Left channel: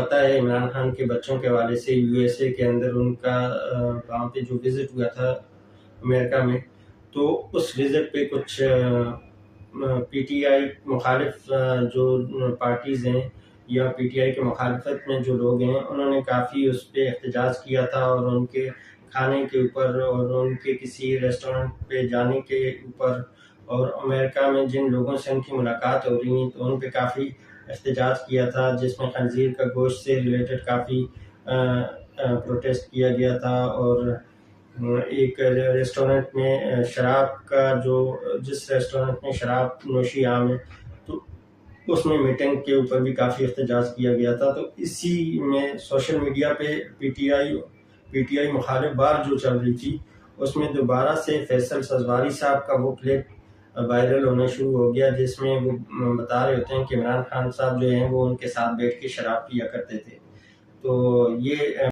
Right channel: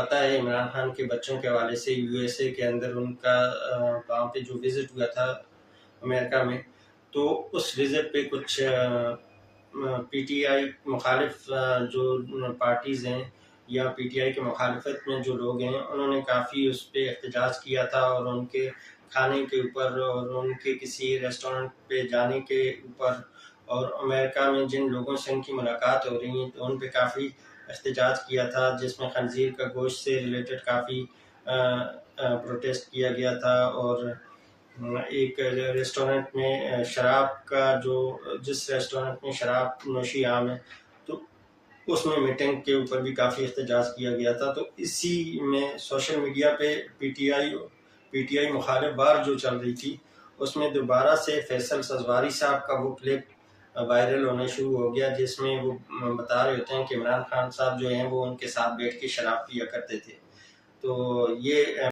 پتہ ہے عمران خان کے بچوں کے حوالے سے USA کے اندر ان کا وہاں پہ جو وزٹ ہوا تھا امریکہ میں، تو اس وزٹ پہ کچھ PTI مخالف جو پارٹیز ہیں یا PTI کے مخالفت میں جو لوگ ہیں، انہوں نے کافی اس پہ احتجاج کیا تھا، اور ان کے کھانے کے اوپر اور ان کے کسی ریسٹورنٹ پہ جانے کے اوپر، اور امریکہ میں جن لوگوں سے ان کی ملاقات ہو رہی ہیں تو ان پہ کافی احتجاج کیا تھا، جس میں خنزیر کا گوشت سے ریلیٹڈ کافی پروٹیسٹ کیا گیا تھا، اور ایک ریسٹورنٹ میں جس ریسٹورنٹ میں شراب نوشی عام ہے، تو اس میں میٹنگ کے اوپر بھی کافی احتجاج کیا گیا تھا۔ تو اسی میں سوشل میڈیا پہ پی ٹی آئی مخالف بار جو چل رہی تھی، اس میں دوبارہ سے فیصل سزواری صاحب کا وہ کلپ وائرل ہونا شروع ہو گیا، جس میں وہ بتا رہے ہوتے ہیں کہ عمران خان صاحب جو ہیں وہ ان کے ساتھ بیٹھ کے شراب پیا کرتے تھے۔ تو یہ